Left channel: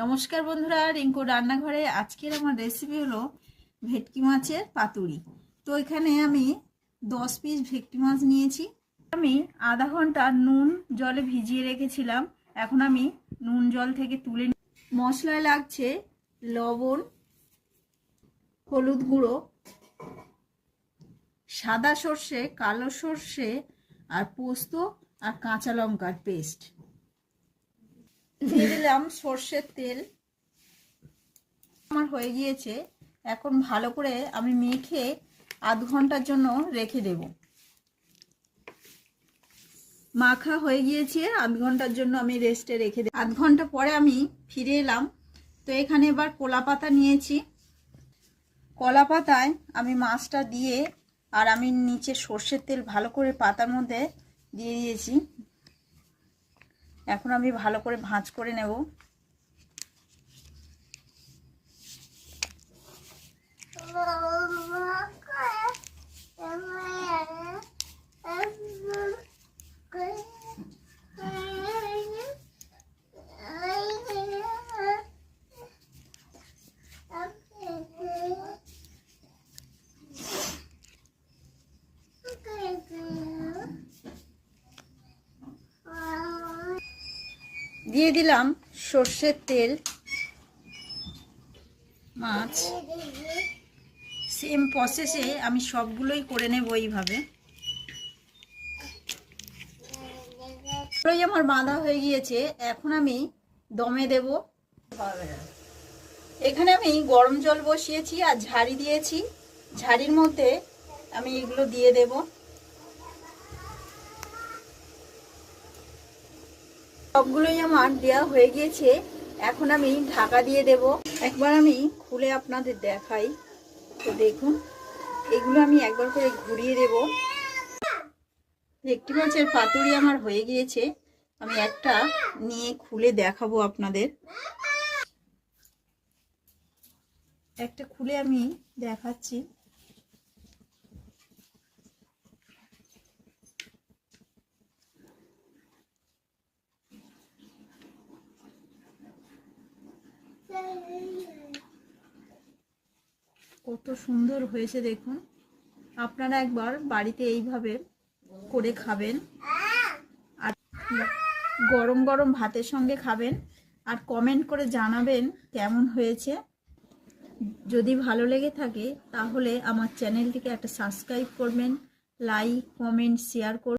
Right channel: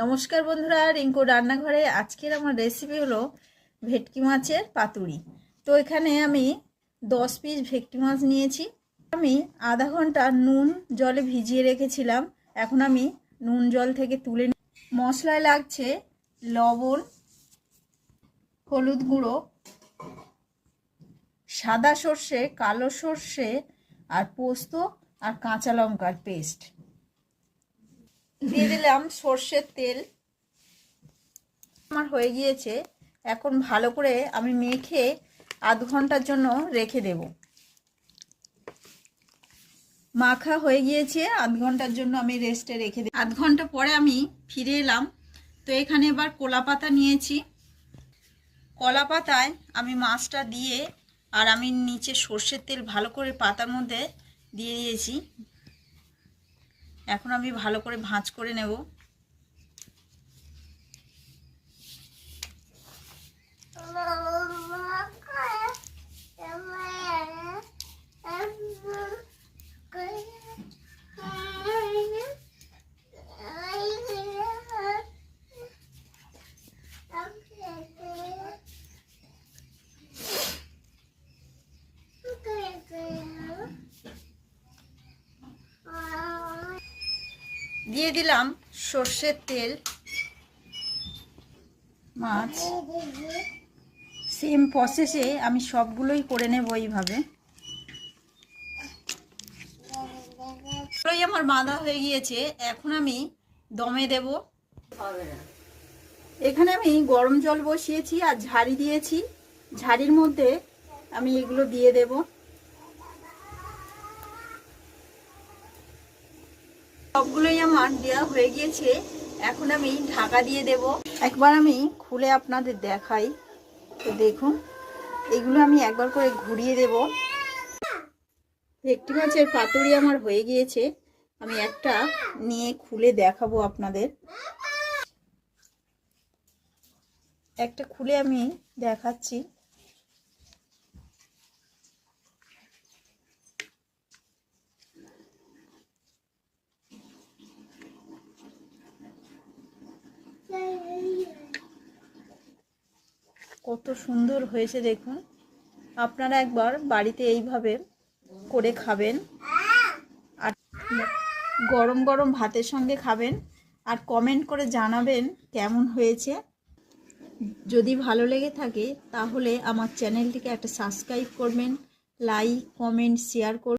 নমস্কার বন্ধুরা, রিঙ্কু রান্নাঘরে আজকের আমার রেসিপি হলো ভেটকি মাছের পাতুরি। তো এখানে আমি 10 পিস ভেটকি মাছ নিয়েছি। আমি আধা ঘন্টা নুন জলে ভিজিয়ে রেখেছিলাম। এখন আমি নুন জল থেকে তুলে মশলায় লাগছে লবণ, হলুদ গুঁড়ো, সাদা সর্ষে, কালো সর্ষে আর পোস্ত আর কাঁচা লঙ্কার পেস্ট। দিয়ে দিলাম সর্ষের তেল। আমার হয়ে গিয়েছে। এখন ভালো করে আমি মেখে আধ ঘন্টার জন্য রেখে দেব। মাখা হয়ে গিয়েছে, আধ ঘন্টার জন্য আমি রেস্টে রেখে দেব। আধ ঘন্টা পরে আমি ফিরে এলাম। তো এখানে এবার কলা পাতা নিয়েছি। কলা পাতায় আমি মাছটা দিয়ে আর আমি নিচে সর্ষের তেল ভালো করে পাতার মধ্যে দিয়ে দিয়েছি। এখন আমি ভালো করে ভাঁজ করে নেব। দিয়ে দিলাম সর্ষের তেল। মাছ সেম প্রসেসে আমি সবগুলোই করে নেব এইভাবে। আমার বাঁধা হয়ে গিয়েছে। এখন আমি দমে দেব। এখানে আমি গরম জল বসিয়েছি আর ঝাড়ি দিয়েছি। ঝাড়ির মধ্যে আমি এগুলো দিয়ে দেব। সবগুলোই আমার দেওয়া হয়ে গিয়েছে। এখন আমি ঢাকা দিয়ে দেব। একবার আমি খুলে আপনাদের দেখাই। তো দেখুন, এগুলো আমি একবার করে ঘুরিয়ে দেব। ভেটকি মাছের পাতুরি আমার হয়ে গিয়েছে। আমি একটা নিয়ে খুলে দেখাবো আপনাদের। একটা খুলে আমি দেখাচ্ছি। কত সুন্দর হয়েছে দেখুন। আপনারা একবার বাড়িতে এইভাবে করে খাবেন আর গরম গরম ভাতের সঙ্গে খাবেন আর কমেন্ট করে জানাবেন কেমন হয়েছে। যদি ভালো লেগে থাকে তাহলে আমার চ্যানেলটিকে একটা সাবস্ক্রাইব করবেন, লাইক, কমেন্ট, শেয়ার করবেন।